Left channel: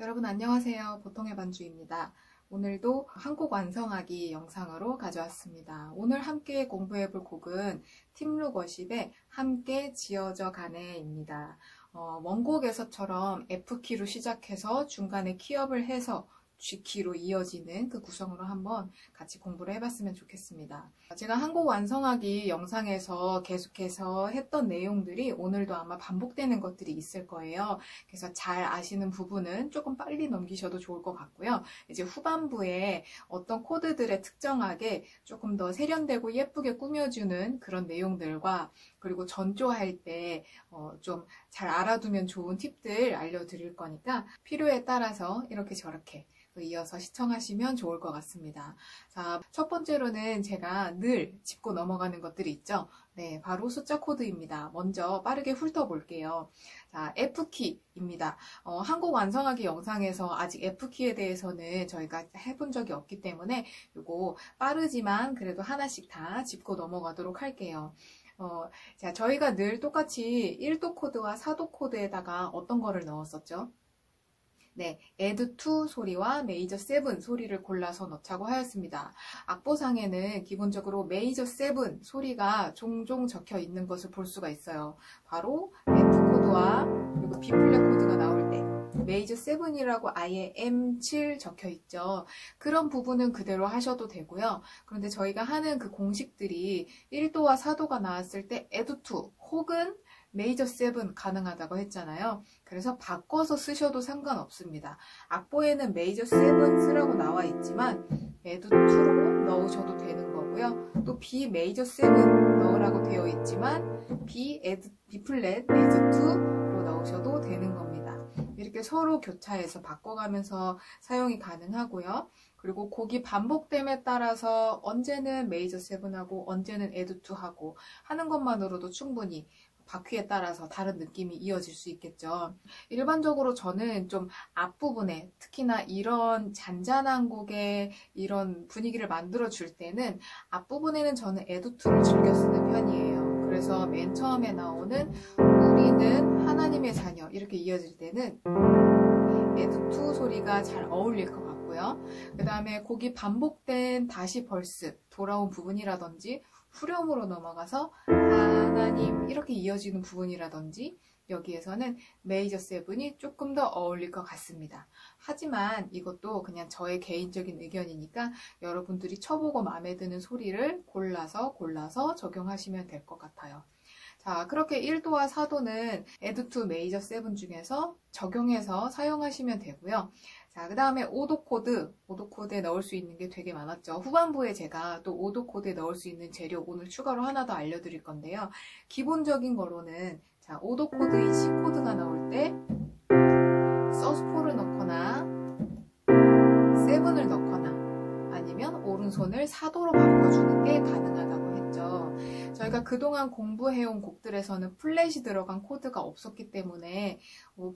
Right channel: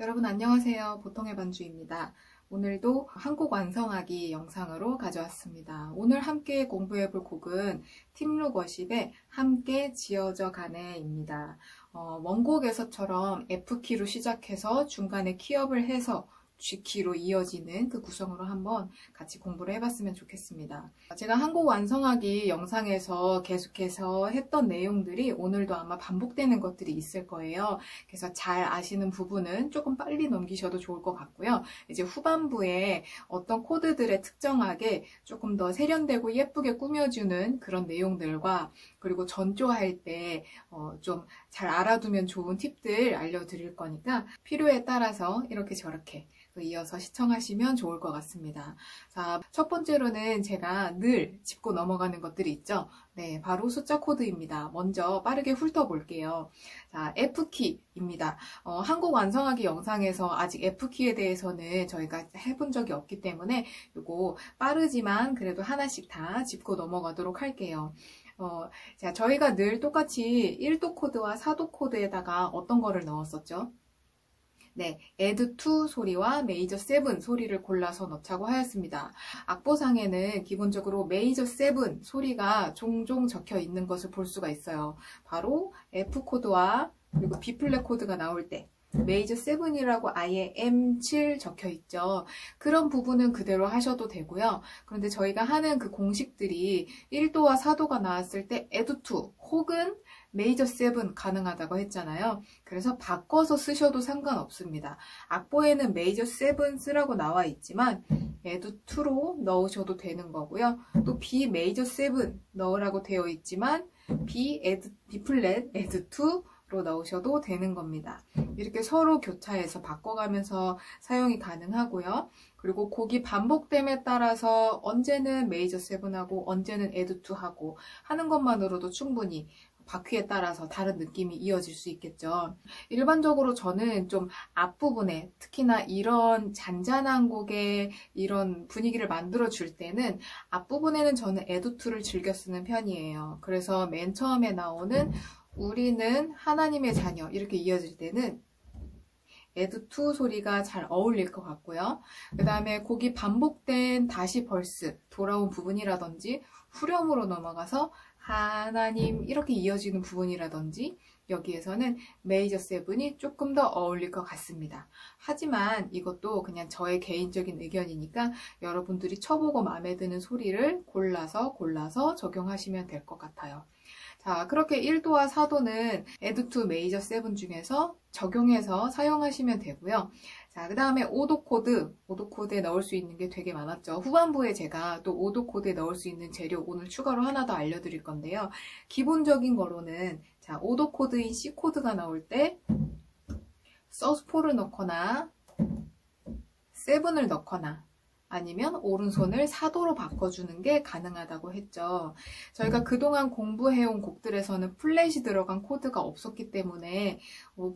여러분 안녕하세요. 보통의 반주입니다. 오늘도 한곡 완성하기 영상으로 가져왔습니다. 오늘 함께 공부해 볼 곡은 팀룩 워십의 함께 지어져 가네입니다. 원곡에서처럼 F키로 시작해서 중간에 키업을 해서 G키로 이어지는 그 구성으로 한번 같이 공부를 해봤으면 좋겠습니다. 제가 한곡 완성하기 영상에서 계속해서 했던 내용들이 오늘도 아마 반복되는 것들이 있을 거예요. 그래서 잘 아시는 부분은 조금 빨리 넘기셔도 좋을 것 같고요. 이제 후반부에 어떤 코드들에 특정하게 조금 더 세련되고 예쁘게 꾸며주는 그런 내용들과 그리고 전조할 때 좀 잘 알아두면 좋은 팁들 알려드릴 거니까 필요에 따라서 이렇게 저렇게 이어서 시청하시면 좋을 것 같습니다. 자, 첫 번째로는 제가 늘 짚고 넘어가는 것들이 있죠. 네, 바로 숫자 코드입니다. 먼저 빠르게 훑어볼게요. 자, F키입니다. 한곡 완성하기 영상에서 아직 F키에 대해서는 저희가 해본 적이 없기 때문에 이거 빠르지만 그래도 하나씩 다 짚고 넘어가도록 할게요. 자, 저희가 늘 똑같이 1도 코드와 4도 코드에다가 어떤 거를 넣었었죠? 네, add to 소리와 major 7 소리를 골라서 넣자고 하였습니다. 악보상에는 기본적으로 major 7 소리가 종종 적혀 있는 것을 볼 수가 있어요. 바로 F 코드와 그리고 B 플랫 코드가 나올 때 major 7이라고 아예 M7 적혀 있죠. 그런 부분은 그대로 하셔도 되고요. 그런데 저희가 하는 그 공식들이 1도와 4도가 나왔을 때 add to 혹은 메이저 7 가능하다고 했잖아요. 그래서 바꿔서 쓰셔도 상관없습니다. 악보에는 메이저 7 쓰라고 나와 있지만 add to로 넣으셔도 되는 거고요. 또 B 메이저 7 넣으라고 되어 있지만 B 플랫 add to로 넣으셔도 되는 겁니다. 이렇게 서로 교차해서 바꿔가면서 사용이 가능하고요. 그리고 곡이 반복됨에 따라서 언제는 메이저 7하고 언제는 add to 하고 하는 것만으로도 충분히 바퀴에 따라서 다른 느낌이 이어질 수 있겠죠. 일반적으로 저는 좀 앞부분에 특히나 이런 잔잔한 곡의 이런 분위기를 만들어 줄 때는 앞부분에는 저는 에두투를 즐겨 쓰는 편이에요. 그래서 맨 처음에 나오는 우리는 하나님의 자녀 이렇게 이어질 때는 에두투 소리가 잘 어울릴 것 같고요. 그 다음에 곡이 반복된 다시 벌스 돌아온 부분이라든지 후렴으로 넘어가서 하나님 이렇게 이어지는 부분이라든지 여기에서는 메이저 7이 조금 더 어울릴 것 같습니다. 하지만 이것도 그냥 저의 개인적인 의견이니까 여러분들이 쳐보고 마음에 드는 소리를 골라서 적용하시면 될 것 같아요. 자, 그렇게 1도와 4도는 add to major 7 중에서 적용해서 사용하시면 되고요. 자, 그 다음에 5도 코드에 넣을 수 있는 게 되게 많았죠. 후반부에 제가 또 5도 코드에 넣을 수 있는 재료 오늘 추가로 하나 더 알려드릴 건데요. 기본적인 거로는 자, 5도 코드인 C 코드가 나올 때 서4를 넣거나 7을 넣거나 아니면 오른손을 4도로 바꿔주는 게 가능하다고 했죠. 저희가 그동안 공부해온 곡들에서는 플랫이 들어간 코드가 없었기 때문에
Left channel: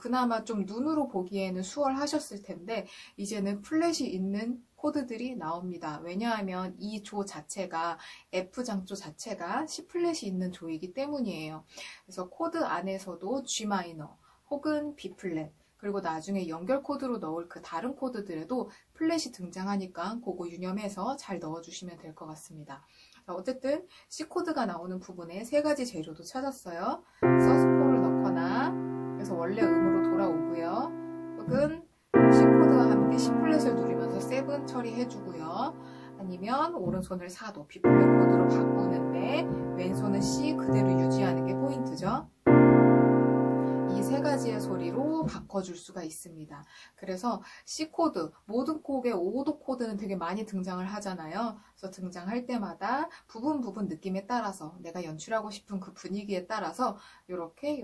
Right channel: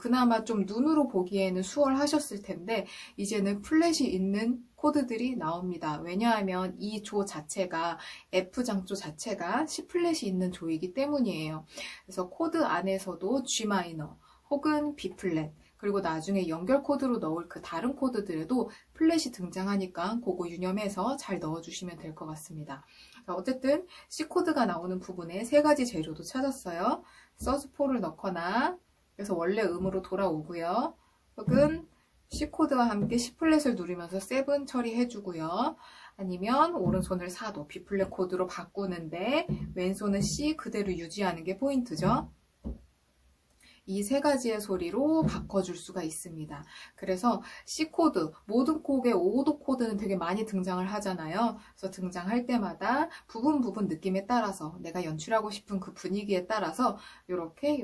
그나마 좀 눈으로 보기에는 수월하셨을 텐데 이제는 플랫이 있는 코드들이 나옵니다. 왜냐하면 이 조 자체가 F장조 자체가 C 플랫이 있는 조이기 때문이에요. 그래서 코드 안에서도 G 마이너 혹은 B 플랫 그리고 나중에 연결 코드로 넣을 그 다른 코드들에도 플랫이 등장하니까 그거 유념해서 잘 넣어주시면 될 것 같습니다. 자, 어쨌든 C 코드가 나오는 부분에 세 가지 재료도 찾았어요. 서4를 넣거나 그래서 원래 음으로 돌아오고요. 혹은 C 코드와 함께 C 플랫을 누르면서 7 처리해주고요. 아니면 오른손을 4도 B 플랫 코드로 바꾸는데 왼손은 C 그대로 유지하는 게 포인트죠. 이 세 가지의 소리로 바꿔줄 수가 있습니다. 그래서 C 코드, 모든 곡의 5도 코드는 되게 많이 등장을 하잖아요. 그래서 등장할 때마다 부분 느낌에 따라서 내가 연출하고 싶은 그 분위기에 따라서 이렇게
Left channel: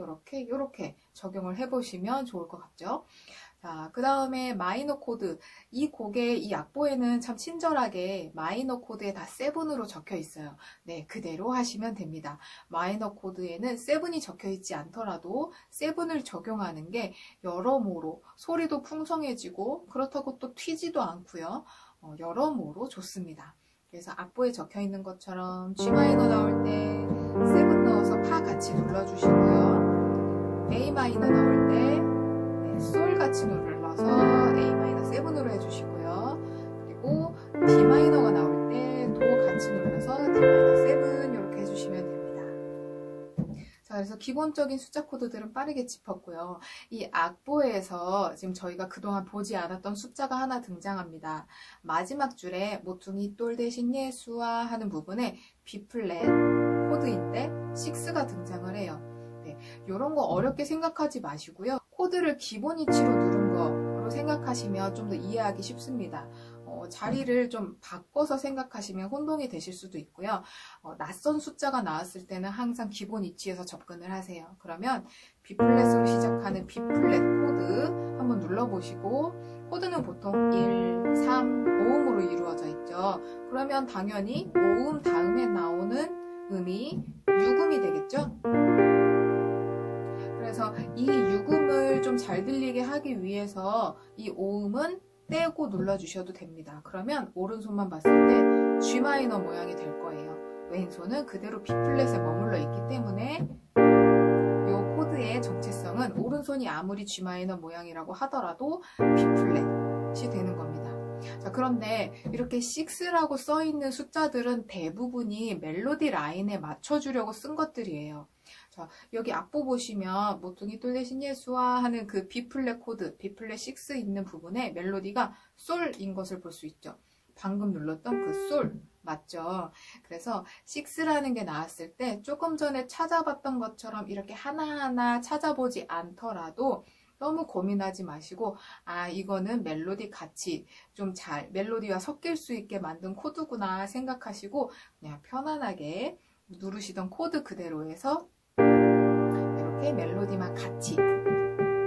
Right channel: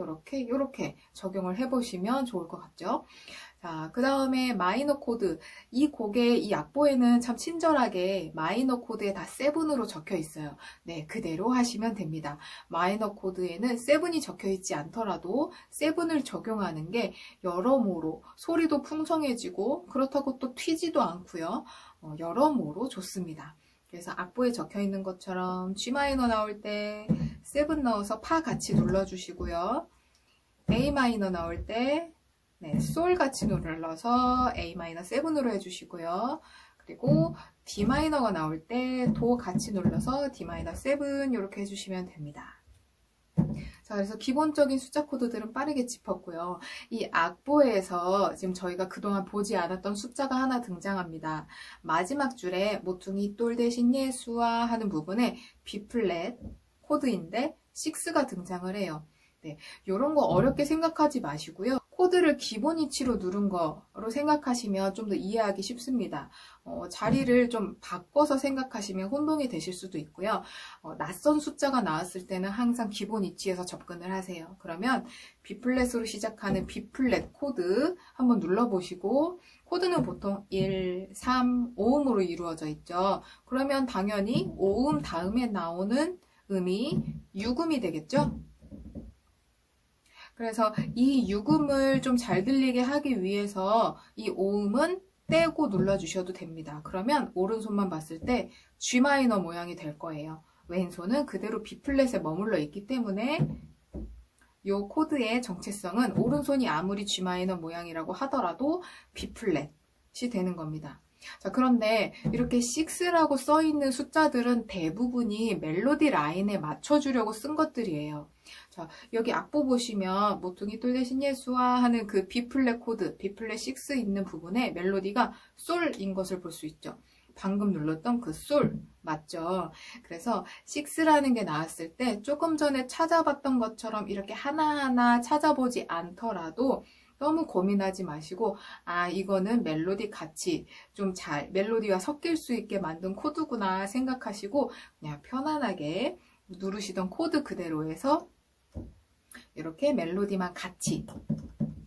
적용을 해보시면 좋을 것 같죠. 자, 그 다음에 마이너 코드. 이 곡의 이 악보에는 참 친절하게 마이너 코드에 다 7으로 적혀 있어요. 네, 그대로 하시면 됩니다. 마이너 코드에는 7이 적혀 있지 않더라도 7을 적용하는 게 여러모로 소리도 풍성해지고 그렇다고 또 튀지도 않고요. 여러모로 좋습니다. 그래서 악보에 적혀 있는 것처럼 G 마이너 나올 때 7 넣어서 파 같이 눌러주시고요. A 마이너 나올 때 솔 같이 눌러서 A-7으로 해주시고요. 그리고 D 마이너가 나올 때 도 같이 눌러서 D-7 이렇게 해주시면 됩니다. 자, 그래서 기본적인 숫자 코드들은 빠르게 짚었고요. 이 악보에서 지금 저희가 그동안 보지 않았던 숫자가 하나 등장합니다. 마지막 줄에 모퉁이 똘 대신 예수와 하는 부분에 B 플랫 코드인데 6가 등장을 해요. 네, 이런 거 어렵게 생각하지 마시고요. 코드를 기본 이치로 누른 거로 생각하시면 좀 더 이해하기 쉽습니다. 자리를 좀 바꿔서 생각하시면 혼동이 되실 수도 있고요. 낯선 숫자가 나왔을 때는 항상 기본 이치에서 접근을 하세요. 그러면 B 플랫으로 시작하는 B 플랫 코드 한번 눌러보시고, 코드는 보통 1, 3, 5음으로 이루어져 있죠. 그러면 당연히 5음 다음에 나오는 음이 6음이 되겠죠? 그래서 이 6음을 좀 잘 들리게 하기 위해서 이 5음은 떼고 눌러주셔도 됩니다. 그러면 오른손만 봤을 때 G 마이너 모양이 될 거예요. 왼손은 그대로 B 플랫에 머물러 있기 때문에 이 코드의 정체성은 오른손이 아무리 G 마이너 모양이라고 하더라도 B 플랫이 되는 겁니다. 자, 그런데 이렇게 6라고 써있는 숫자들은 대부분이 멜로디 라인에 맞춰주려고 쓴 것들이에요. 자, 여기 악보 보시면 모퉁이 똘 대신 예수와 하는 그 B 플랫 코드, B 플랫 6 있는 부분에 멜로디가 솔인 것을 볼 수 있죠. 방금 눌렀던 그 솔 맞죠? 그래서 6라는 게 나왔을 때 조금 전에 찾아봤던 것처럼 이렇게 하나하나 찾아보지 않더라도 너무 고민하지 마시고, 아, 이거는 멜로디 같이 좀 잘 멜로디와 섞일 수 있게 만든 코드구나 생각하시고 그냥 편안하게 누르시던 코드 그대로 해서 이렇게 멜로디만 같이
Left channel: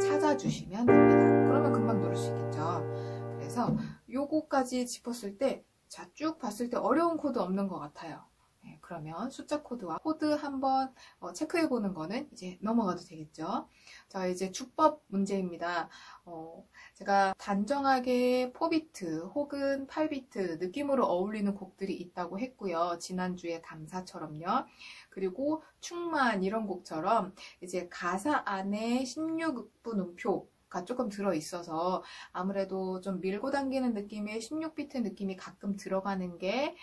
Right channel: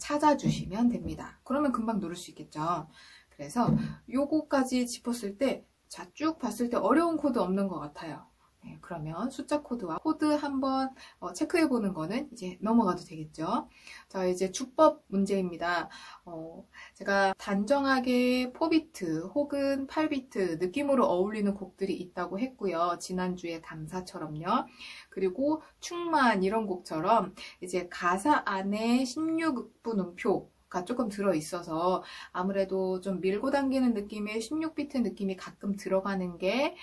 찾아주시면 됩니다. 그러면 금방 누를 수 있겠죠. 그래서 요거까지 짚었을 때, 자, 쭉 봤을 때 어려운 코드 없는 것 같아요. 네, 그러면 숫자 코드와 코드 한번 체크해 보는 거는 이제 넘어가도 되겠죠. 자, 이제 주법 문제입니다. 제가 단정하게 4비트 혹은 8비트 느낌으로 어울리는 곡들이 있다고 했고요. 지난주에 감사처럼요. 그리고 충만 이런 곡처럼 이제 가사 안에 16분 음표가 조금 들어있어서 아무래도 좀 밀고 당기는 느낌의 16비트 느낌이 가끔 들어가는 게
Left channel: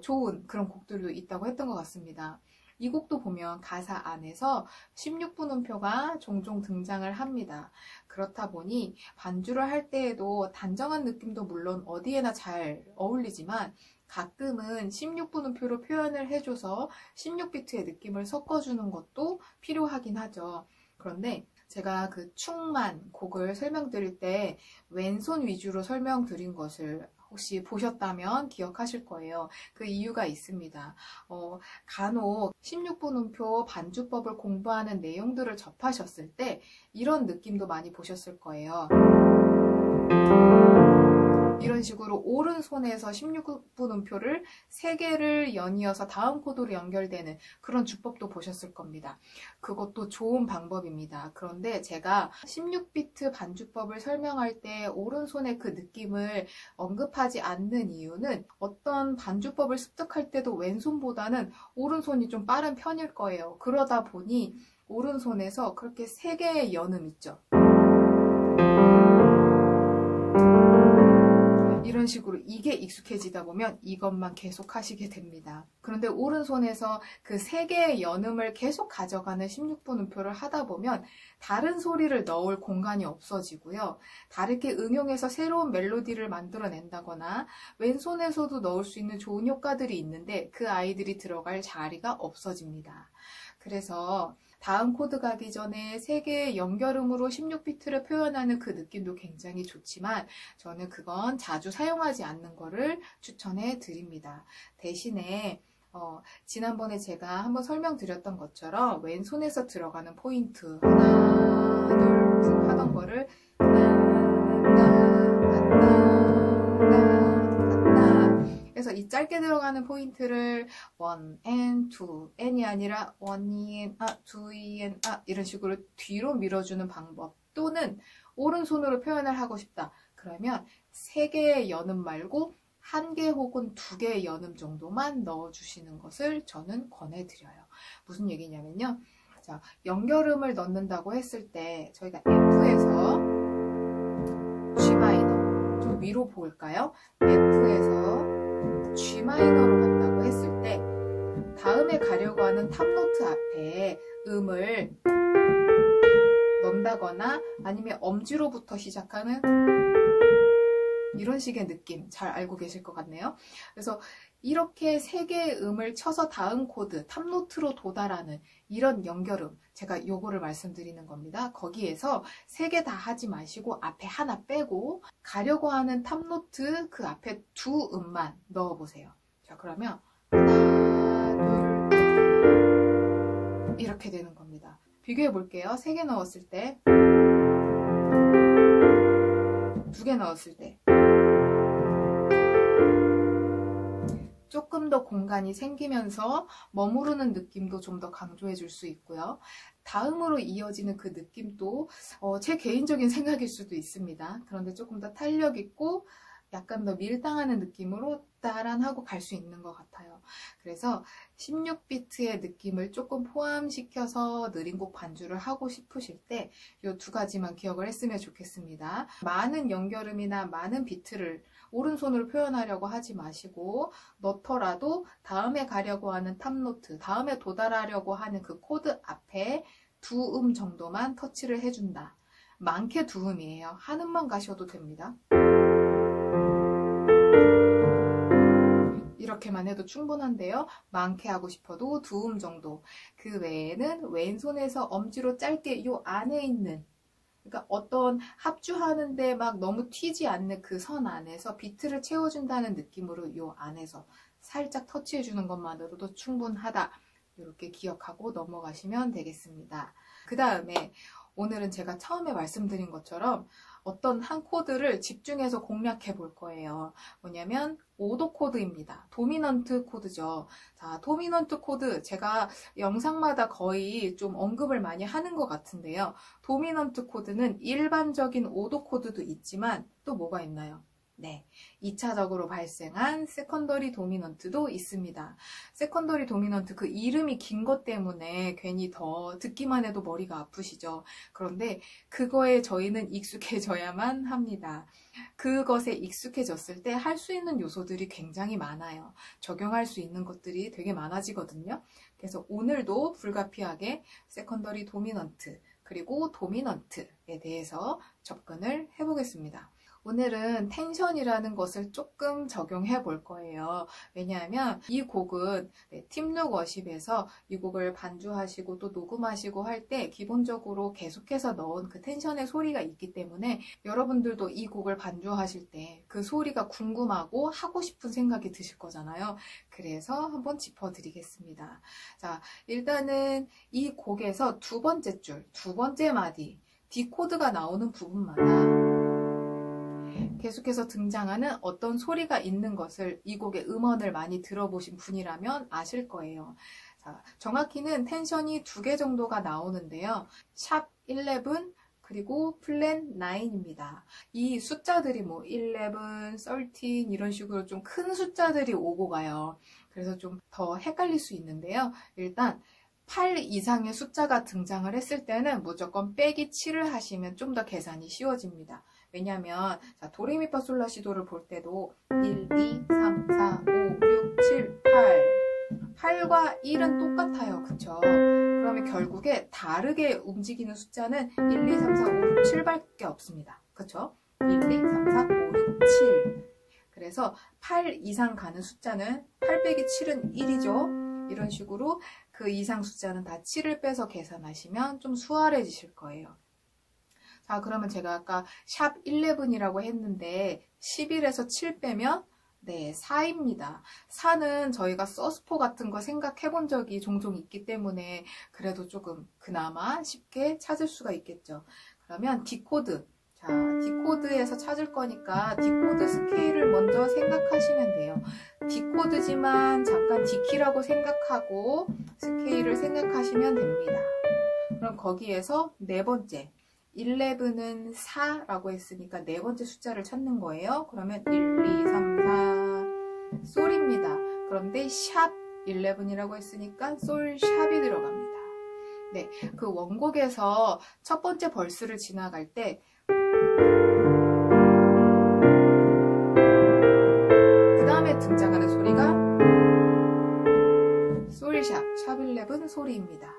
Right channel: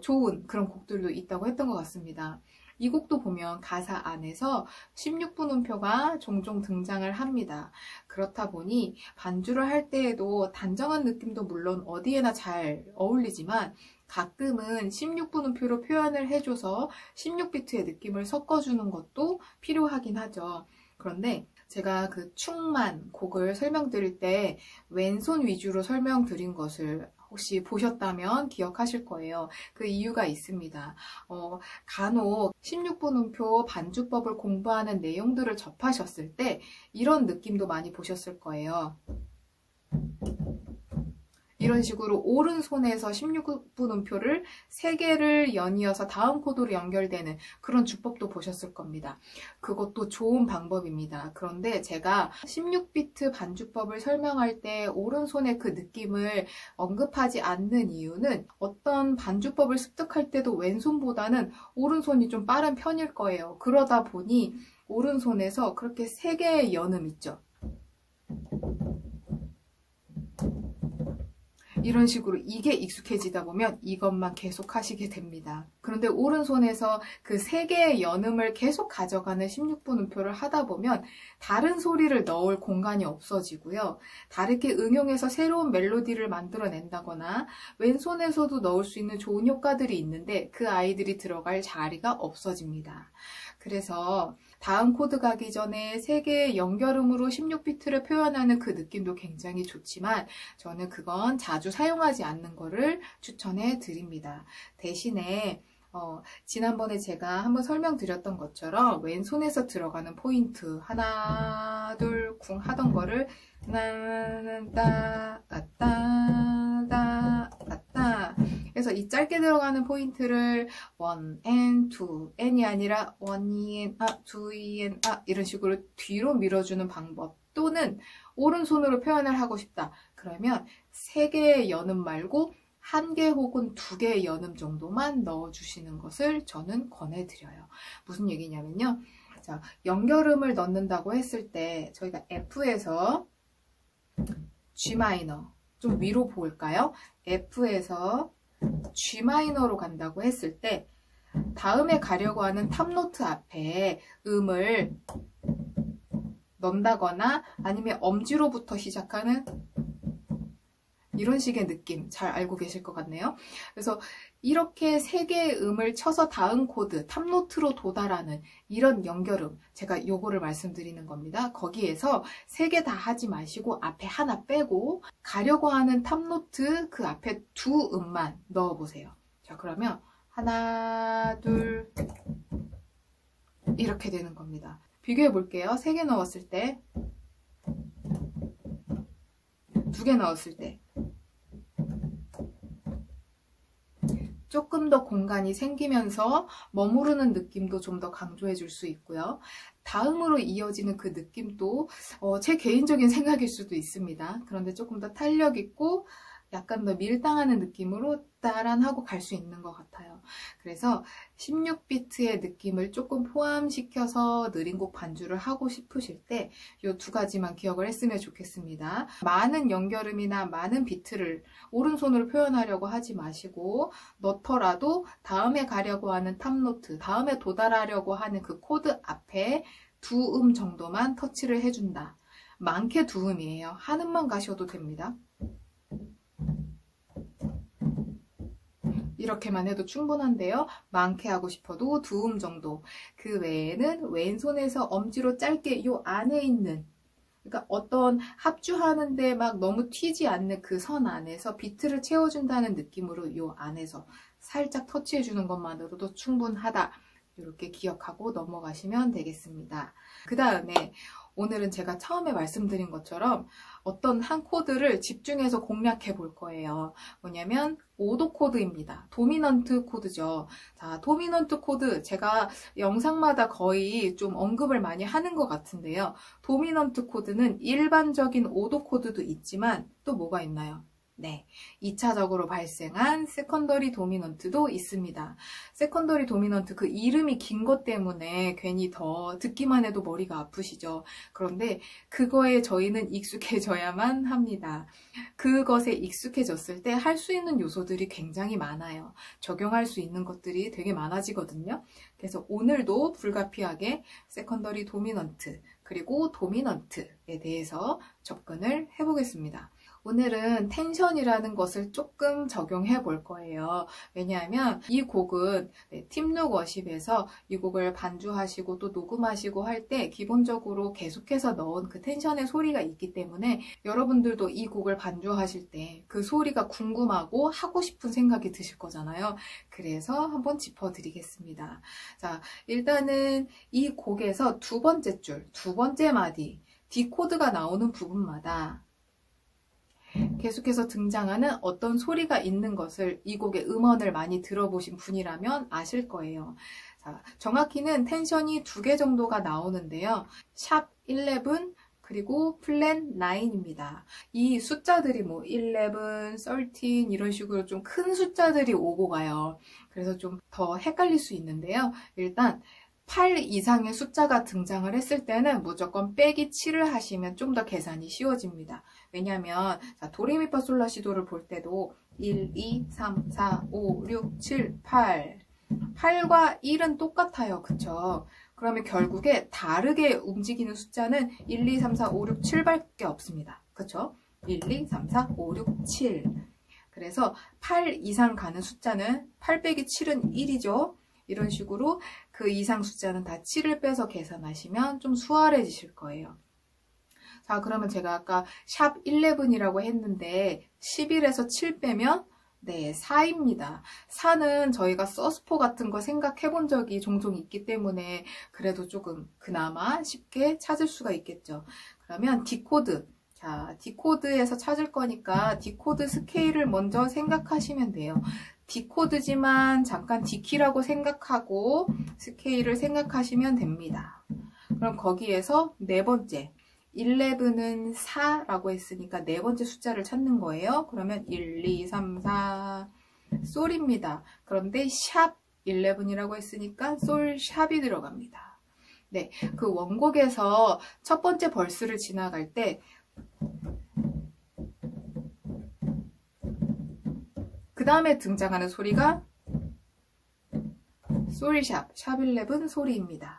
좋은 그런 곡들도 있다고 했던 것 같습니다. 이 곡도 보면 가사 안에서 16분 음표가 종종 등장을 합니다. 그렇다 보니 반주를 할 때에도 단정한 느낌도 물론 어디에나 잘 어울리지만 가끔은 16분 음표로 표현을 해줘서 16비트의 느낌을 섞어주는 것도 필요하긴 하죠. 그런데 제가 그 충만 곡을 설명드릴 때 왼손 위주로 설명드린 것을 혹시 보셨다면 기억하실 거예요. 그 이유가 있습니다. 간혹 16분 음표 반주법을 공부하는 내용들을 접하셨을 때 이런 느낌도 많이 보셨을 거예요. 이런 식으로 오른손에서 16분 음표를 3개를 연이어서 다음 코드로 연결되는 그런 주법도 보셨을 겁니다. 그것도 좋은 방법입니다. 그런데 제가 16비트 반주법을 설명할 때 오른손의 그 느낌을 언급하지 않는 이유는 어떤 반주법을 습득할 때도 왼손보다는 오른손이 좀 빠른 편일 거예요. 그러다 보니 오른손에서 그렇게 3개의 연음 있죠. 이런 식으로 이게 익숙해지다 보면 이것만 계속 하시게 됩니다. 그런데 오른손에서 그 3개의 연음을 계속 가져가는 16분 음표를 하다 보면 다른 소리를 넣을 공간이 없어지고요. 다르게 응용해서 새로운 멜로디를 만들어낸다거나 왼손에서도 넣을 수 있는 좋은 효과들이 있는데 그 아이들이 들어갈 자리가 없어집니다. 그래서 다음 코드 가기 전에 3개의 연결음으로 16비트를 표현하는 그 느낌도 굉장히 좋지만 저는 그건 자주 사용하지 않는 거를 추천해 드립니다. 대신에 지난번에 제가 한번 설명드렸던 것처럼 왼손에서 들어가는 포인트 하나 둘 쿵 하던 거를 그래서 이 짧게 들어가는 포인트를 1 and 2 n이 아니라 1 and 2 and 이런 식으로 뒤로 밀어주는 방법, 또는 오른손으로 표현을 하고 싶다 그러면 3개의 연음 말고 1개 혹은 2개의 연음 정도만 넣어주시는 것을 저는 권해드려요. 무슨 얘기냐면요, 자, 연결음을 넣는다고 했을 때 저희가 F에서 G 마이너 좀 위로 볼까요? F에서 G 마이너로 간다고 했을 때 다음에 가려고 하는 탑노트 앞에 음을 넣는다거나 아니면 엄지로부터 시작하는 이런 식의 느낌 잘 알고 계실 것 같네요. 그래서 이렇게 세 개의 음을 쳐서 다음 코드 탑노트로 도달하는 이런 연결음, 제가 요거를 말씀드리는 겁니다. 거기에서 세 개 다 하지 마시고 앞에 하나 빼고 가려고 하는 탑노트 그 앞에 두 음만 넣어보세요. 자, 그러면 하나, 둘 이렇게 되는 겁니다. 비교해 볼게요. 세 개 넣었을 때, 두 개 넣었을 때 조금 더 공간이 생기면서 머무르는 느낌도 좀 더 강조해 줄 수 있고요. 다음으로 이어지는 그 느낌도 제 개인적인 생각일 수도 있습니다. 그런데 조금 더 탄력 있고 약간 더 밀당하는 느낌으로 따란하고 갈 수 있는 것 같아요. 그래서 16비트의 느낌을 조금 포함시켜서 느린 곡 반주를 하고 싶으실 때 이 두 가지만 기억을 했으면 좋겠습니다. 많은 연결음이나 많은 비트를 오른손으로 표현하려고 하지 마시고 넣더라도 다음에 가려고 하는 탑노트, 다음에 도달하려고 하는 그 코드 앞에 두 음 정도만 터치를 해준다. 많게 두 음이에요. 한 음만 가셔도 됩니다. 이렇게만 해도 충분한데요. 많게 하고 싶어도 두 음 정도. 그 외에는 왼손에서 엄지로 짧게 요 안에 있는, 그러니까 어떤 합주하는데 막 너무 튀지 않는 그 선 안에서 비트를 채워준다는 느낌으로 요 안에서 살짝 터치해주는 것만으로도 충분하다. 이렇게 기억하고 넘어가시면 되겠습니다. 그 다음에 오늘은 제가 처음에 말씀드린 것처럼 어떤 한 코드를 집중해서 공략해 볼 거예요. 뭐냐면 5도 코드입니다. 도미넌트 코드죠. 자, 도미넌트 코드 제가 영상마다 거의 좀 언급을 많이 하는 것 같은데요. 도미넌트 코드는 일반적인 5도 코드도 있지만 또 뭐가 있나요? 네, 2차적으로 발생한 세컨더리 도미넌트도 있습니다. 세컨더리 도미넌트 그 이름이 긴 것 때문에 괜히 더 듣기만 해도 머리가 아프시죠. 그런데 그거에 저희는 익숙해져야만 합니다. 그것에 익숙해졌을 때 할 수 있는 요소들이 굉장히 많아요. 적용할 수 있는 것들이 되게 많아지거든요. 그래서 오늘도 불가피하게 세컨더리 도미넌트 그리고 도미넌트에 대해서 접근을 해보겠습니다. 오늘은 텐션이라는 것을 조금 적용해 볼 거예요. 왜냐하면 이 곡은 팀룩 워십에서 이 곡을 반주하시고 또 녹음하시고 할 때 기본적으로 계속해서 넣은 그 텐션의 소리가 있기 때문에 여러분들도 이 곡을 반주하실 때 그 소리가 궁금하고 하고 싶은 생각이 드실 거잖아요. 그래서 한번 짚어드리겠습니다. 자, 일단은 이 곡에서 두 번째 줄, 두 번째 마디, D 코드가 나오는 부분마다 계속해서 등장하는 어떤 소리가 있는 것을 이 곡의 음원을 많이 들어보신 분이라면 아실 거예요. 자, 정확히는 텐션이 두 개 정도가 나오는데요. 샵 11 그리고 플랫 9입니다. 이 숫자들이 뭐 11, 13 이런 식으로 좀 큰 숫자들이 오고 가요. 그래서 좀 더 헷갈릴 수 있는데요. 일단 8 이상의 숫자가 등장을 했을 때는 무조건 빼기 7을 하시면 좀 더 계산이 쉬워집니다. 왜냐하면 도레미파솔라시도를 볼 때도 1, 2, 3, 4, 5, 6, 7, 8 8과 1은 똑같아요. 그쵸? 그러면 결국에 다르게 움직이는 숫자는 1, 2, 3, 4, 5, 6, 7밖에 없습니다. 그쵸? 1, 2, 3, 4, 5, 6, 7 그래서 8 이상 가는 숫자는 8 빼기 7은 1이죠. 이런 식으로 그 이상 숫자는 다 7을 빼서 계산하시면 좀 수월해지실 거예요. 자, 그러면 제가 아까 샵 11이라고 했는데 11에서 7 빼면 네, 4입니다. 4는 저희가 서스포 같은 거 생각해 본 적이 종종 있기 때문에 그래도 조금 그나마 쉽게 찾을 수가 있겠죠. 그러면 D코드. 자, D코드에서 찾을 거니까 D코드 스케일을 먼저 생각하시면 돼요. D코드지만 잠깐 D키라고 생각하고 스케일을 생각하시면 됩니다. 그럼 거기에서 네 번째 11은 4라고 했으니까 네 번째 숫자를 찾는 거예요. 그러면 1, 2, 3, 4 솔입니다. 그런데 샵 11이라고 했으니까 솔 샵이 들어갑니다. 네, 그 원곡에서 첫 번째 벌스를 지나갈 때 그 다음에 등장하는 소리가 솔샵, 샵11 소리입니다.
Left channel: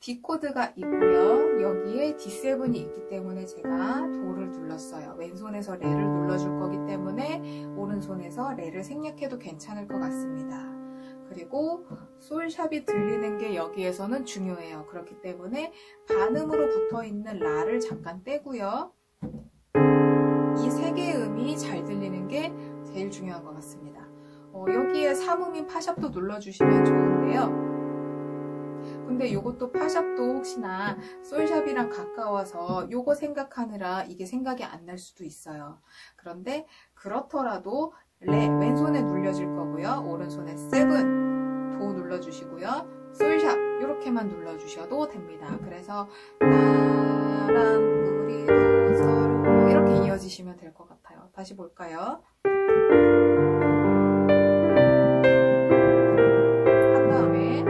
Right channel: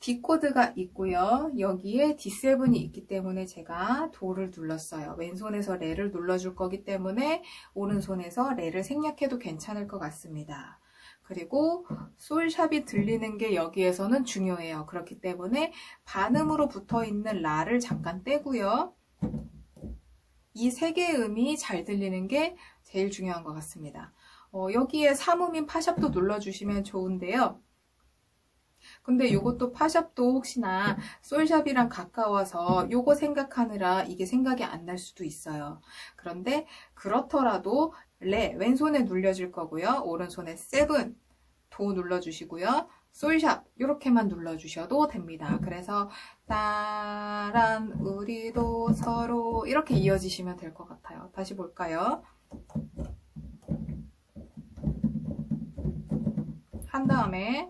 D 코드가 있고요. 여기에 D7이 있기 때문에 제가 도를 눌렀어요. 왼손에서 레를 눌러줄 거기 때문에 오른손에서 레를 생략해도 괜찮을 것 같습니다. 그리고 솔샵이 들리는 게 여기에서는 중요해요. 그렇기 때문에 반음으로 붙어 있는 라를 잠깐 떼고요. 이 세 개의 음이 잘 들리는 게 제일 중요한 것 같습니다. 여기에 3음인 파샵도 눌러주시면 좋은데요. 근데 요것도 파샵도 혹시나 솔샵이랑 가까워서 요거 생각하느라 이게 생각이 안 날 수도 있어요. 그런데 그렇더라도 레 왼손에 눌려질 거고요. 오른손에 7, 도 눌러주시고요. 솔샵 이렇게만 눌러주셔도 됩니다. 그래서 나랑 우리도 서로 이렇게 이어지시면 될 것 같아요. 다시 볼까요? 한 다음에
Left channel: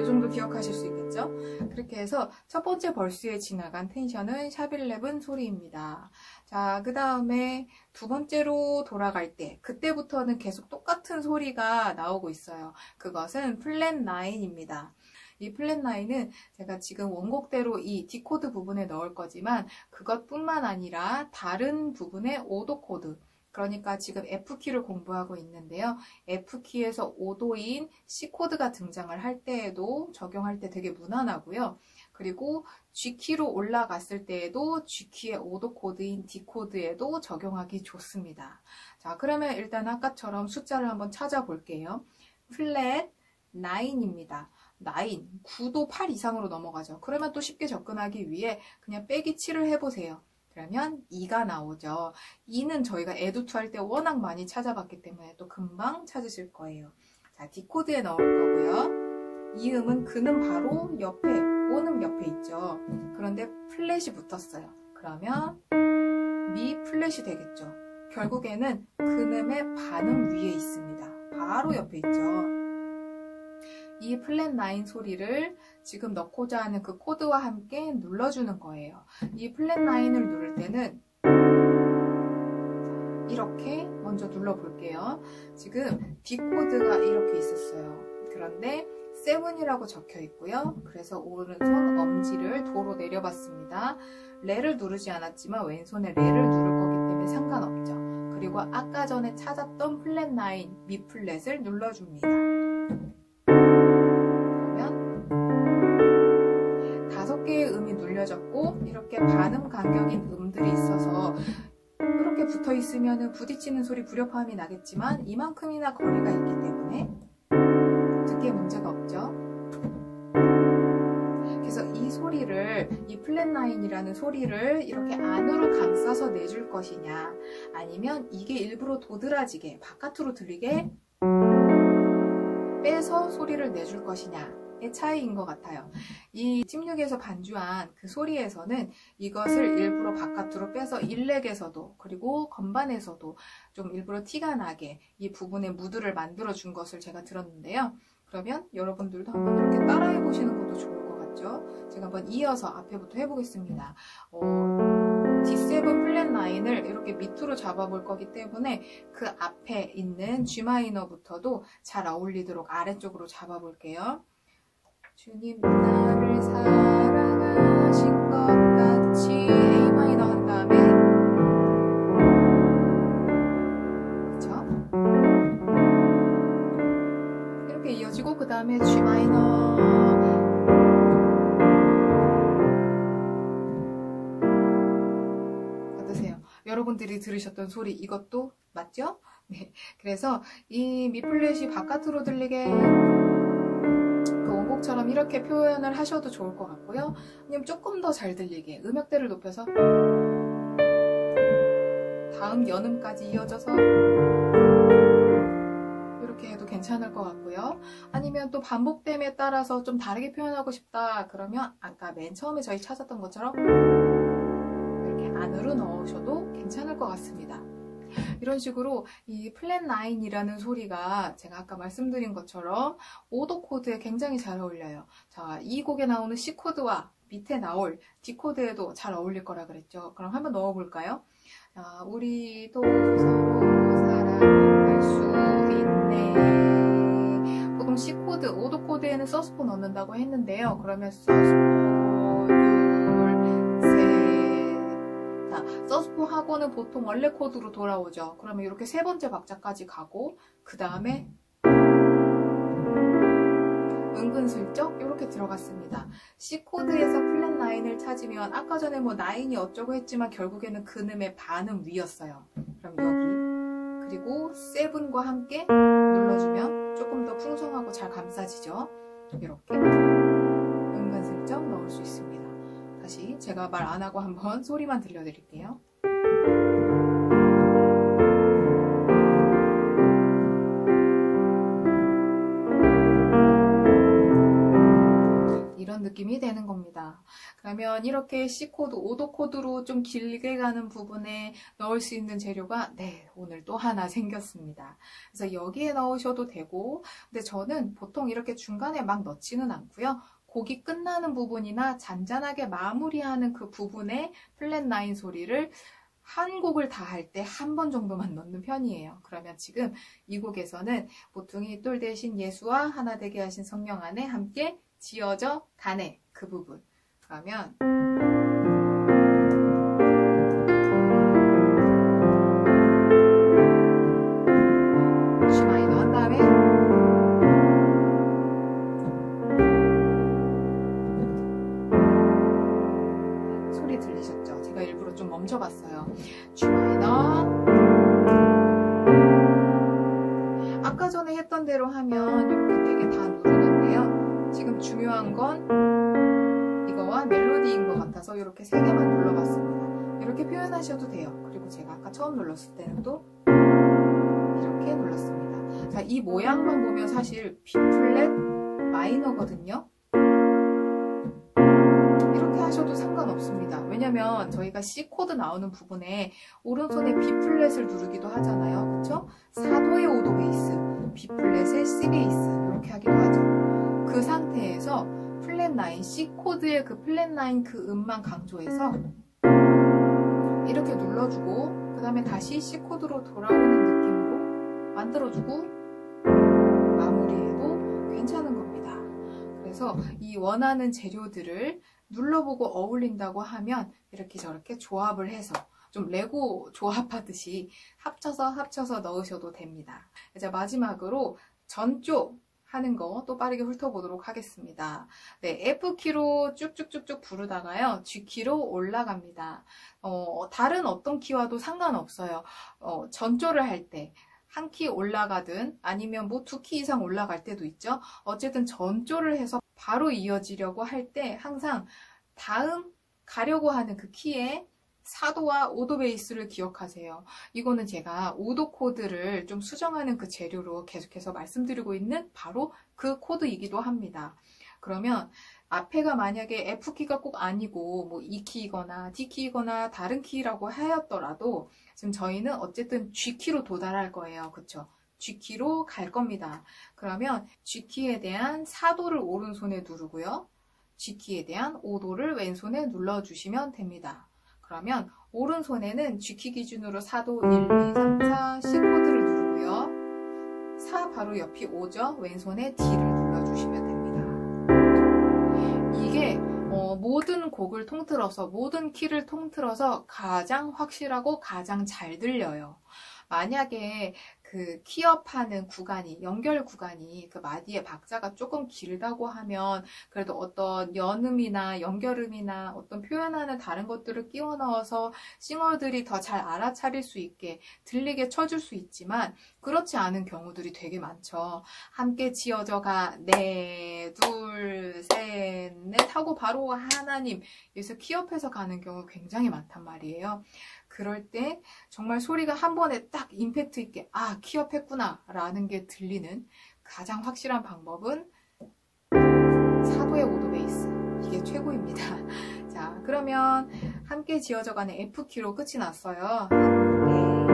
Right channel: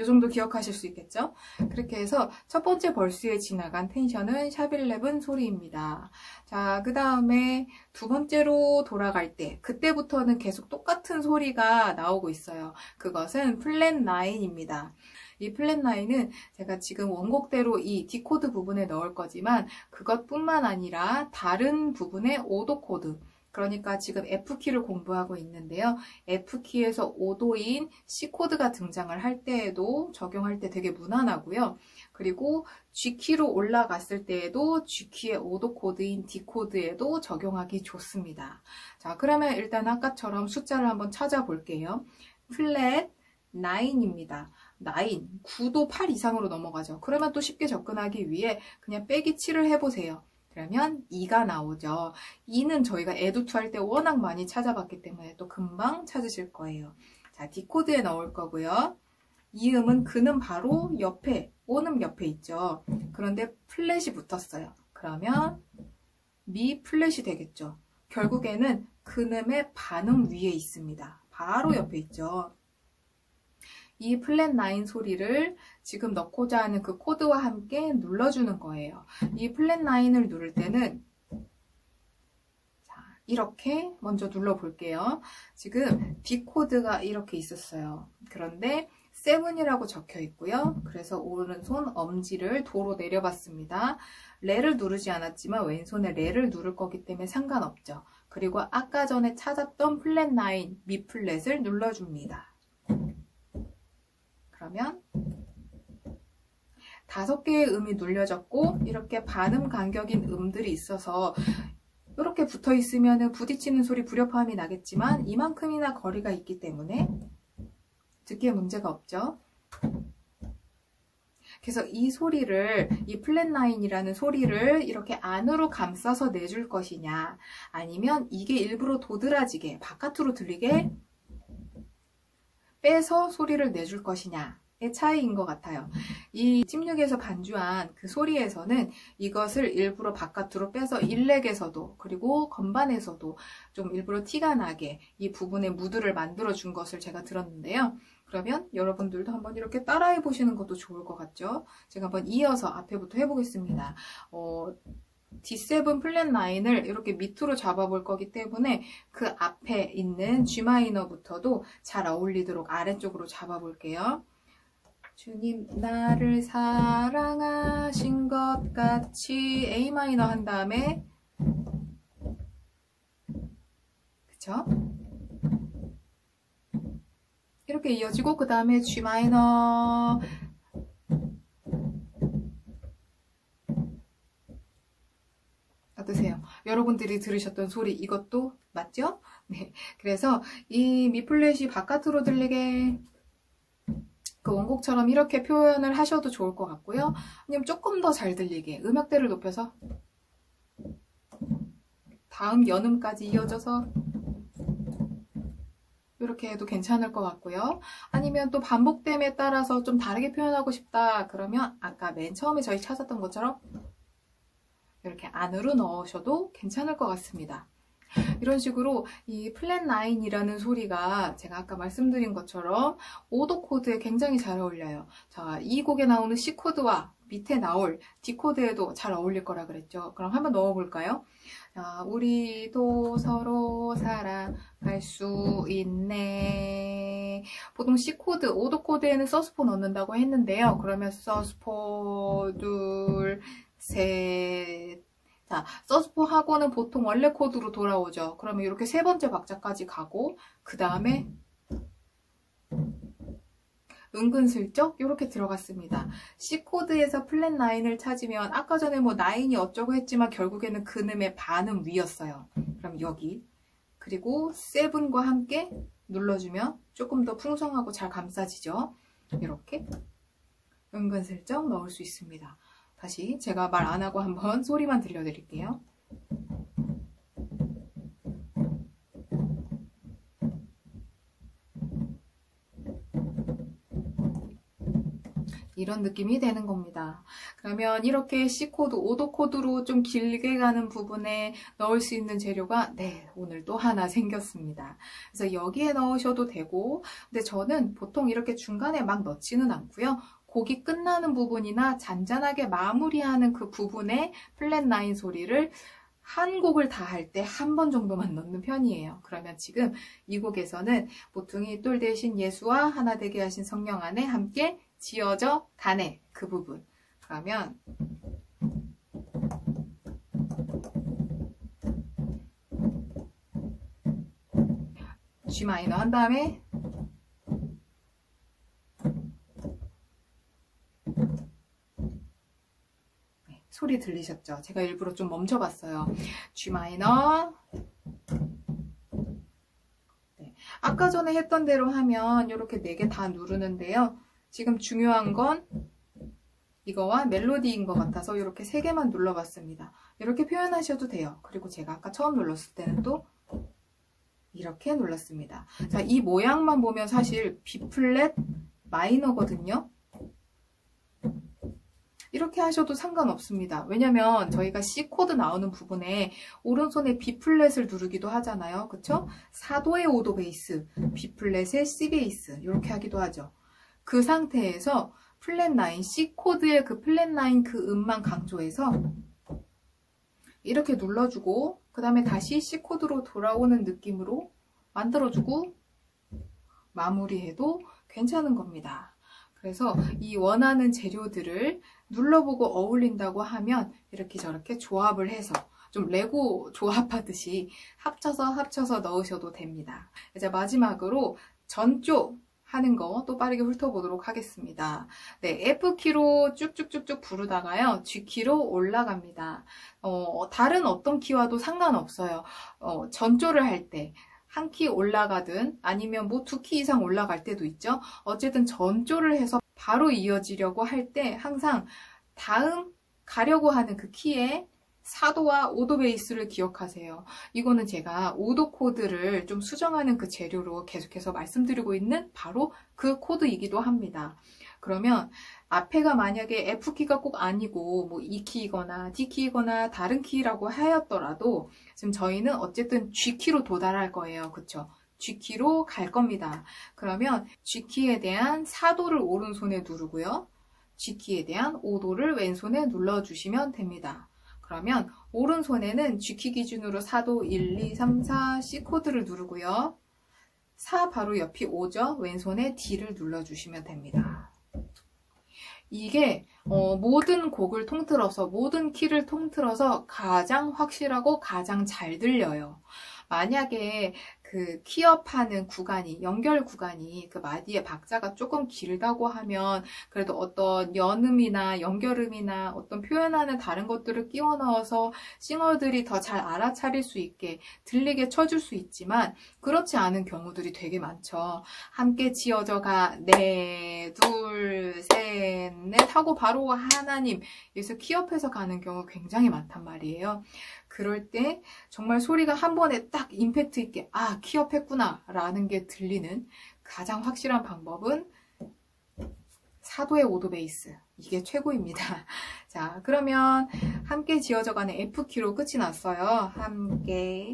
이 정도 기억하실 수 있겠죠? 그렇게 해서 첫 번째 벌스에 지나간 텐션은 샵11 소리입니다. 자, 그 다음에 두 번째로 돌아갈 때 그때부터는 계속 똑같은 소리가 나오고 있어요. 그것은 플랫 9입니다. 이 플랫 9은 제가 지금 원곡대로 이 D 코드 부분에 넣을 거지만 그것뿐만 아니라 다른 부분의 5도 코드, 그러니까 지금 F키를 공부하고 있는데요. F키에서 5도인 C코드가 등장을 할 때에도 적용할 때 되게 무난하고요. 그리고 G키로 올라갔을 때에도 G키의 5도 코드인 D코드에도 적용하기 좋습니다. 자, 그러면 일단 아까처럼 숫자를 한번 찾아볼게요. 플랫 9입니다. 9, 9도 8 이상으로 넘어가죠. 그러면 또 쉽게 접근하기 위해 그냥 빼기 7을 해보세요. 그러면 2가 나오죠. 2는 저희가 에듀2 할 때 워낙 많이 찾아봤기 때문에 또 금방 찾으실 거예요. 자, D코드에 넣을 거고요. 이 음은 그는 바로 옆에, 오는 옆에 있죠. 그런데 플랫이 붙었어요. 그러면 미 플랫이 되겠죠. 결국에는 그음의 반음 위에 있습니다. 바로 옆에 있죠. 이 플랫 9 소리를 지금 넣고자 하는 그 코드와 함께 눌러주는 거예요. 이 플랫 9을 누를 때는 이렇게 먼저 눌러볼게요. 지금 D 코드가 이렇게 있었어요. 그런데 7이라고 적혀 있고요. 그래서 오른손 엄지를 도로 내려봤습니다. 레를 누르지 않았지만 왼손에 레를 누를 거기 때문에 상관없죠. 그리고 아까 전에 찾았던 플랫 9 미 플랫을 눌러줍니다. 그러면 5개의 음이 눌려졌고 이렇게 반음 간격인 음들이 있어서 이렇게 붙어 있으면 부딪히는 소리, 불협화음이 나겠지만 이만큼이나 거리가 있기 때문에 듣기에 문제가 없죠. 그래서 이 소리를, 이 플랫 9이라는 소리를 이렇게 안으로 감싸서 내줄 것이냐, 아니면 이게 일부러 도드라지게 바깥으로 들리게 빼서 소리를 내줄 것이냐의 차이인 것 같아요. 이 팀6에서 반주한 그 소리에서는 이것을 일부러 바깥으로 빼서 일렉에서도 그리고 건반에서도 좀 일부러 티가 나게 이 부분에 무드를 만들어 준 것을 제가 들었는데요. 그러면 여러분들도 한번 이렇게 따라해 보시는 것도 좋을 것 같죠? 제가 한번 이어서 앞에부터 해보겠습니다. D7 플랫 9을 이렇게 밑으로 잡아볼 거기 때문에 그 앞에 있는 G마이너부터도 잘 어울리도록 아래쪽으로 잡아볼게요. 주님 나를 사랑하신 것 같이 A마이너 한 다음에, 그쵸? 이렇게 이어지고 그 다음에 G마이너, 어떠세요? 여러분들이 들으셨던 소리 이것도 맞죠? 네, 그래서 이 미 플랫이 바깥으로 들리게 그 원곡처럼 이렇게 표현을 하셔도 좋을 것 같고요. 아니면 조금 더 잘 들리게 음역대를 높여서 다음 연음까지 이어져서 이렇게 해도 괜찮을 것 같고요. 아니면 또 반복됨에 따라서 좀 다르게 표현하고 싶다 그러면 아까 맨 처음에 저희 찾았던 것처럼 이렇게 안으로 넣으셔도 괜찮을 것 같습니다. 이런 식으로 이 플랫 9이라는 소리가 제가 아까 말씀드린 것처럼 오도 코드에 굉장히 잘 어울려요. 자, 이 곡에 나오는 C 코드와 밑에 나올 D 코드에도 잘 어울릴 거라 그랬죠. 그럼 한번 넣어볼까요? 자, 우리도 서로 사랑할 수 있네. 보통 C 코드, 오도 코드에는 서스포 넣는다고 했는데요. 그러면 서스포, 둘, 셋. 자, 서스포 하고는 보통 원래 코드로 돌아오죠. 그러면 이렇게 세 번째 박자까지 가고 그 다음에 은근슬쩍 이렇게 들어갔습니다. C 코드에서 플랫 9을 찾으면 아까 전에 뭐 9이 어쩌고 했지만 결국에는 근음의 반음 위였어요. 그럼 여기 그리고 7과 함께 눌러주면 조금 더 풍성하고 잘 감싸지죠. 이렇게 은근슬쩍 넣을 수 있습니다. 다시 제가 말 안 하고 한번 소리만 들려드릴게요. 이런 느낌이 되는 겁니다. 그러면 이렇게 C 코드, 오도 코드로 좀 길게 가는 부분에 넣을 수 있는 재료가 오늘 또 하나 생겼습니다. 그래서 여기에 넣으셔도 되고, 근데 저는 보통 이렇게 중간에 막 넣지는 않고요. 곡이 끝나는 부분이나 잔잔하게 마무리하는 그 부분에 플랫 9 소리를 한 곡을 다 할 때 한 번 정도만 넣는 편이에요. 그러면 지금 이 곡에서는 보통이 똘 대신 예수와 하나 되게 하신 성령 안에 함께 지어져 가네, 그 부분. 그러면 G 마이너 한 다음에 소리 들리셨죠? 제가 일부러 좀 멈춰봤어요. G 마이너. 아까 전에 했던 대로 하면 이렇게 4개 다 누르는데요. 지금 중요한 건 이거와 멜로디인 것 같아서 이렇게 3개만 눌러봤습니다. 이렇게 표현하셔도 돼요. 그리고 제가 아까 처음 눌렀을 때는 또 이렇게 눌렀습니다. 자, 이 모양만 보면 사실 B 플랫 마이너거든요. 이렇게 하셔도 상관없습니다. 왜냐면 저희가 C 코드 나오는 부분에 오른손에 B 플랫을 누르기도 하잖아요. 그쵸? 4도의 5도 베이스, B 플랫의 C 베이스 이렇게 하기도 하죠. 그 상태에서 플랫 9, C 코드의 그 플랫 9 그 음만 강조해서 이렇게 눌러주고 그 다음에 다시 C 코드로 돌아오는 느낌으로 만들어주고 마무리해도 괜찮은 겁니다. 그래서 이 원하는 재료들을 눌러보고 어울린다고 하면 이렇게 저렇게 조합을 해서 좀 레고 조합하듯이 합쳐서 넣으셔도 됩니다. 이제 마지막으로 전조 하는 거 또 빠르게 훑어보도록 하겠습니다. 네, F키로 쭉쭉쭉쭉 부르다가요, G키로 올라갑니다. 다른 어떤 키와도 상관없어요. 전조를 할 때 한 키 올라가든 아니면 뭐 2키 이상 올라갈 때도 있죠. 어쨌든 전조를 해서 바로 이어지려고 할 때 항상 다음 가려고 하는 그 키에 4도와 5도 베이스를 기억하세요. 이거는 제가 5도 코드를 좀 수정하는 그 재료로 계속해서 말씀드리고 있는 바로 그 코드이기도 합니다. 그러면 앞에가 만약에 F키가 꼭 아니고 뭐 E키이거나 D키이거나 다른 키라고 하였더라도 지금 저희는 어쨌든 G키로 도달할 거예요. 그쵸? G키로 갈 겁니다. 그러면 G키에 대한 4도를 오른손에 누르고요. G키에 대한 5도를 왼손에 눌러주시면 됩니다. 그러면 오른손에는 G키 기준으로 4도 1, 2, 3, 4 C 코드를 누르고요. 4 바로 옆이 5죠. 왼손에 D를 눌러주시면 됩니다. 이게 모든 곡을 통틀어서 모든 키를 통틀어서 가장 확실하고 가장 잘 들려요. 만약에 그 키업하는 구간이, 연결 구간이 그 마디의 박자가 조금 길다고 하면 그래도 어떤 연음이나 연결음이나 어떤 표현하는 다른 것들을 끼워 넣어서 싱어들이 더 잘 알아차릴 수 있게 들리게 쳐줄 수 있지만 그렇지 않은 경우들이 되게 많죠. 함께 지어져 가, 네, 둘, 셋, 넷 하고 바로 하나님, 여기서 키업해서 가는 경우 굉장히 많단 말이에요. 그럴 때 정말 소리가 한 번에 딱 임팩트 있게 아, 키업했구나 라는 게 들리는 가장 확실한 방법은 4도의 5도 베이스, 이게 최고입니다. 자, 그러면 함께 지어져가는 F키로 끝이 났어요. 함께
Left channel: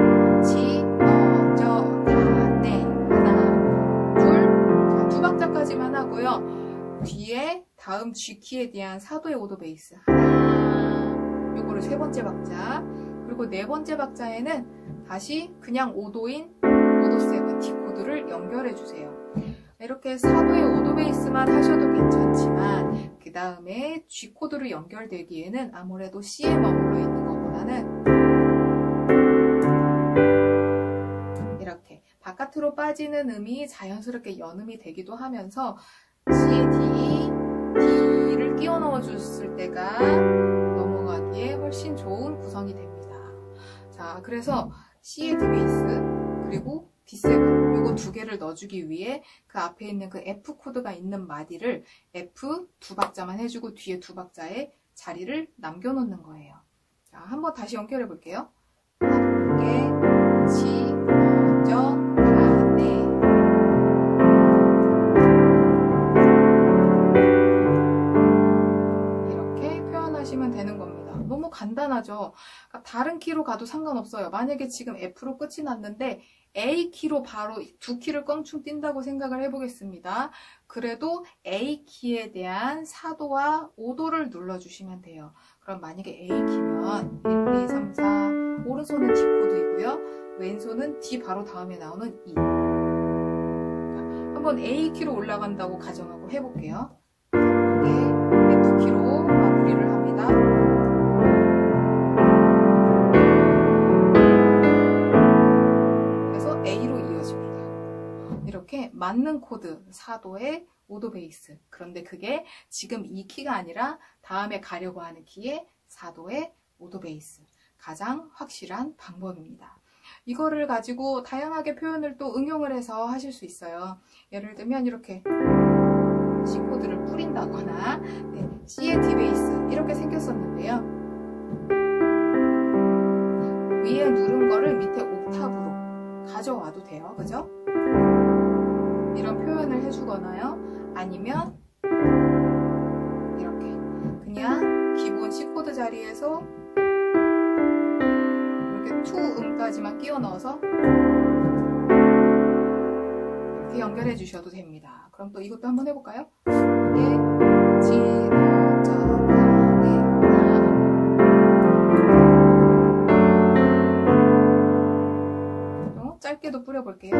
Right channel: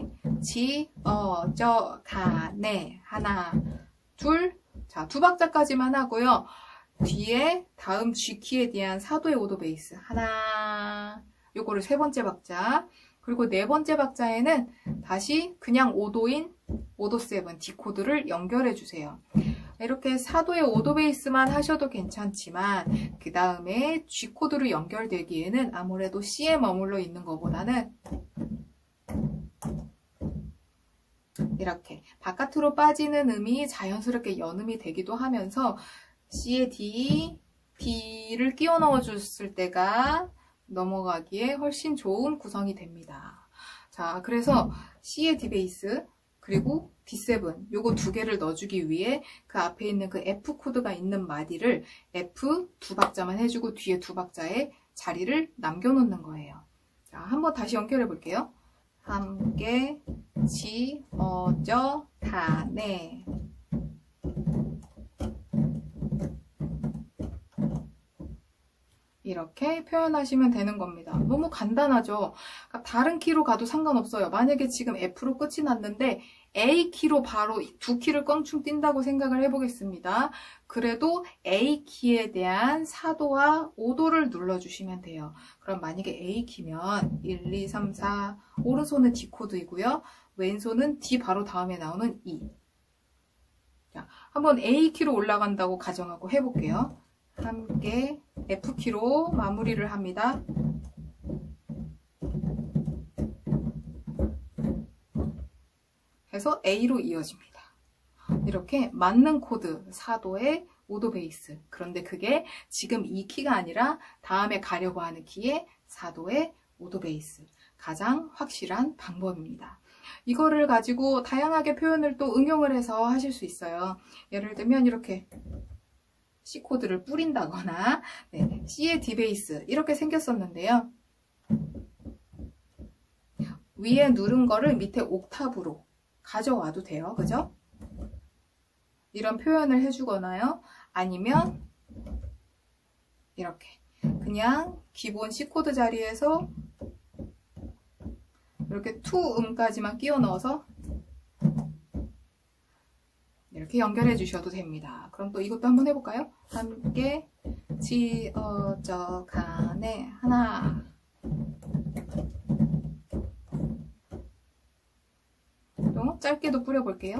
지어져가네. 하나, 둘. 자, 두 박자까지만 하고요. 뒤에 다음 G키에 대한 사도의 오도 베이스. 하나. 요거를 세 번째 박자. 그리고 네 번째 박자에는 다시 그냥 오도인 오도 세븐 D 코드를 연결해 주세요. 이렇게 사도의 오도 베이스만 하셔도 괜찮지만 그 다음에 G 코드로 연결되기에는 아무래도 C에 머물러 있는 것보다는 이렇게 바깥으로 빠지는 음이 자연스럽게 연음이 되기도 하면서 C에 D, D를 끼워 넣어 줬을 때가 넘어가기에 훨씬 좋은 구성이 됩니다. 자, 그래서 C의 D 베이스 그리고 D7 요거 두 개를 넣어주기 위해 그 앞에 있는 그 F 코드가 있는 마디를 F 두 박자만 해주고 뒤에 두 박자에 자리를 남겨놓는 거예요. 자, 한번 다시 연결해 볼게요. 함께 지어져가네. 이렇게 표현하시면 되는 겁니다. 너무 간단하죠? 그러니까 다른 키로 가도 상관없어요. 만약에 지금 F로 끝이 났는데 A 키로 바로 두 키를 껑충 뛴다고 생각을 해보겠습니다. 그래도 A 키에 대한 사도와 오도를 눌러주시면 돼요. 그럼 만약에 A 키면 1, 2, 3, 4 오른손은 D 코드이고요. 왼손은 D 바로 다음에 나오는 E. 자, 한번 A 키로 올라간다고 가정하고 해볼게요. 함께 F 키로 마무리를 합니다. A로 이어집니다. 이렇게 맞는 코드, 사도의 오도 베이스. 그런데 그게 지금 이 키가 아니라 다음에 가려고 하는 키의 사도의 오도 베이스. 가장 확실한 방법입니다. 이거를 가지고 다양하게 표현을 또 응용을 해서 하실 수 있어요. 예를 들면 이렇게 C 코드를 뿌린다거나 C의 D 베이스 이렇게 생겼었는데요. 위에 누른 거를 밑에 옥타브로 가져와도 돼요. 그죠? 이런 표현을 해주거나요. 아니면 이렇게 그냥 기본 C 코드 자리에서 이렇게 투 음까지만 끼워 넣어서 이렇게 연결해 주셔도 됩니다. 그럼 또 이것도 한번 해볼까요? 함께 지어져가네 하나. 짧게도 뿌려볼게요.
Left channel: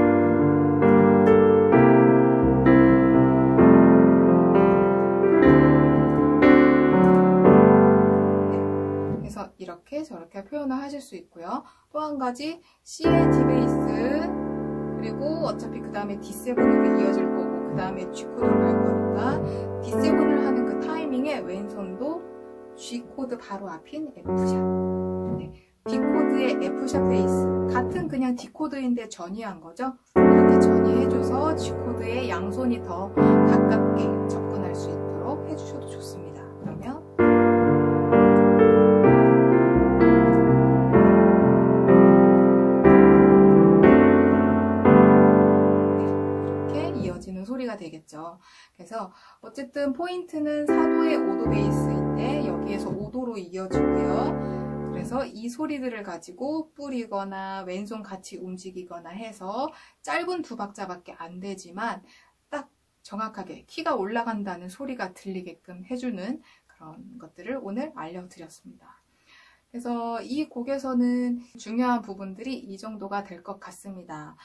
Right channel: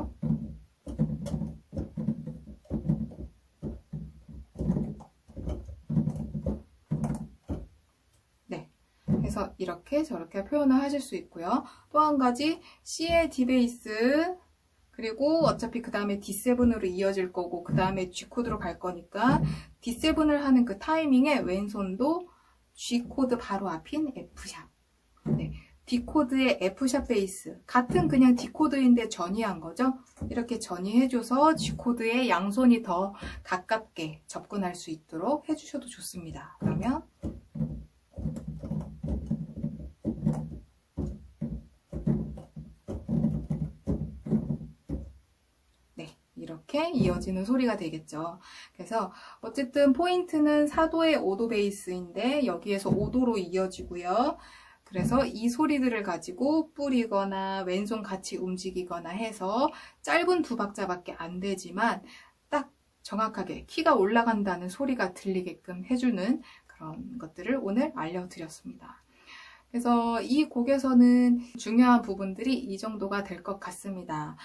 네, 그래서 이렇게 저렇게 표현을 하실 수 있고요. 또 한 가지 C의 D 베이스 그리고 어차피 그 다음에 D7으로 이어질 거고 그 다음에 G 코드로 갈 거니까 D7을 하는 그 타이밍에 왼손도 G 코드 바로 앞인 F샵. 네. D 코드의 F샵 베이스 같은 그냥 D 코드인데 전이한 거죠. 이렇게 전이해줘서 G 코드의 양손이 더 가깝게 접근할 수 있도록 해주셔도 좋습니다. 그러면 네, 이렇게 이어지는 소리가 되겠죠. 그래서 어쨌든 포인트는 사도의 오도 베이스인데 여기에서 오도로 이어지고요. 그래서 이 소리들을 가지고 뿌리거나 왼손 같이 움직이거나 해서 짧은 두 박자밖에 안 되지만 딱 정확하게 키가 올라간다는 소리가 들리게끔 해주는 그런 것들을 오늘 알려드렸습니다. 그래서 이 곡에서는 중요한 부분들이 이 정도가 될 것 같습니다.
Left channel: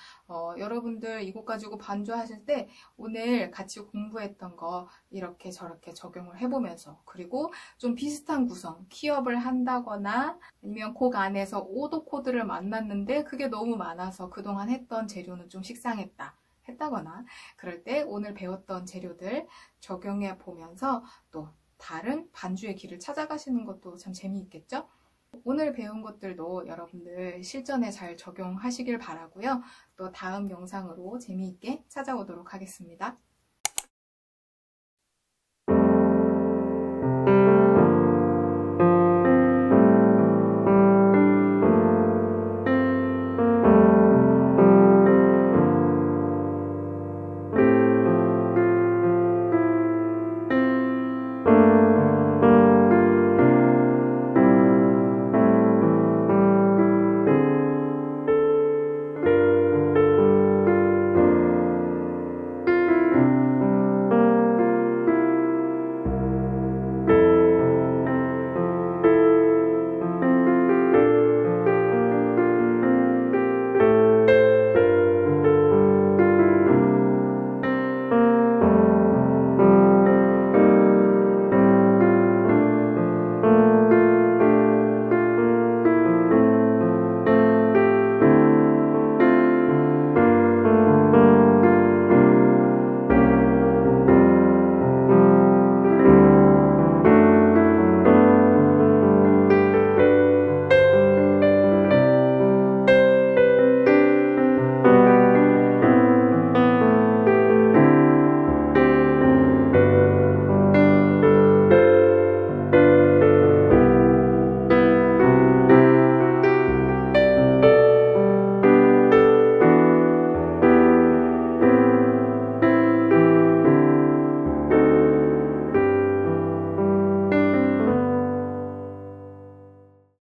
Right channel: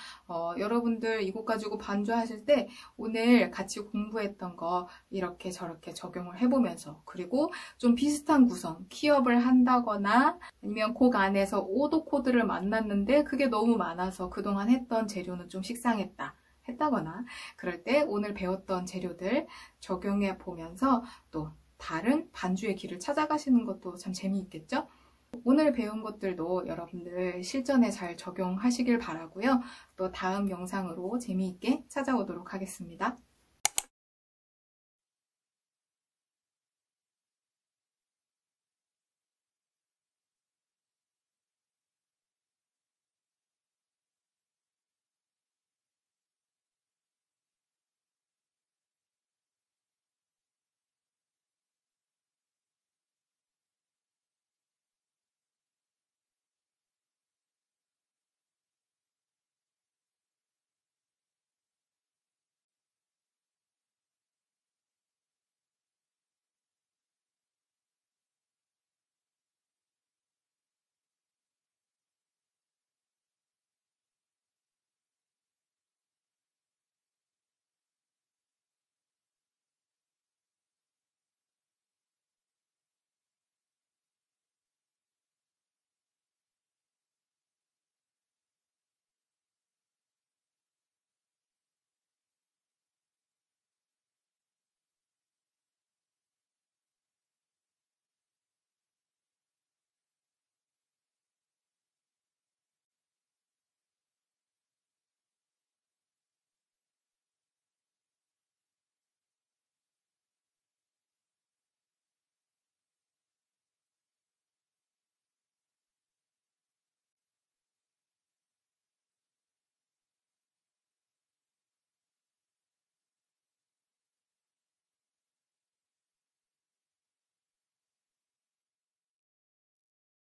여러분들 이 곡 가지고 반주하실 때 오늘 같이 공부했던 거 이렇게 저렇게 적용을 해보면서 그리고 좀 비슷한 구성, 키업을 한다거나 아니면 곡 안에서 오도 코드를 만났는데 그게 너무 많아서 그동안 했던 재료는 좀 식상했다. 했다거나 그럴 때 오늘 배웠던 재료들 적용해 보면서 또 다른 반주의 길을 찾아가시는 것도 참 재미있겠죠? 오늘 배운 것들도 여러분들 실전에 잘 적용하시길 바라고요. 또 다음 영상으로 재미있게 찾아오도록 하겠습니다.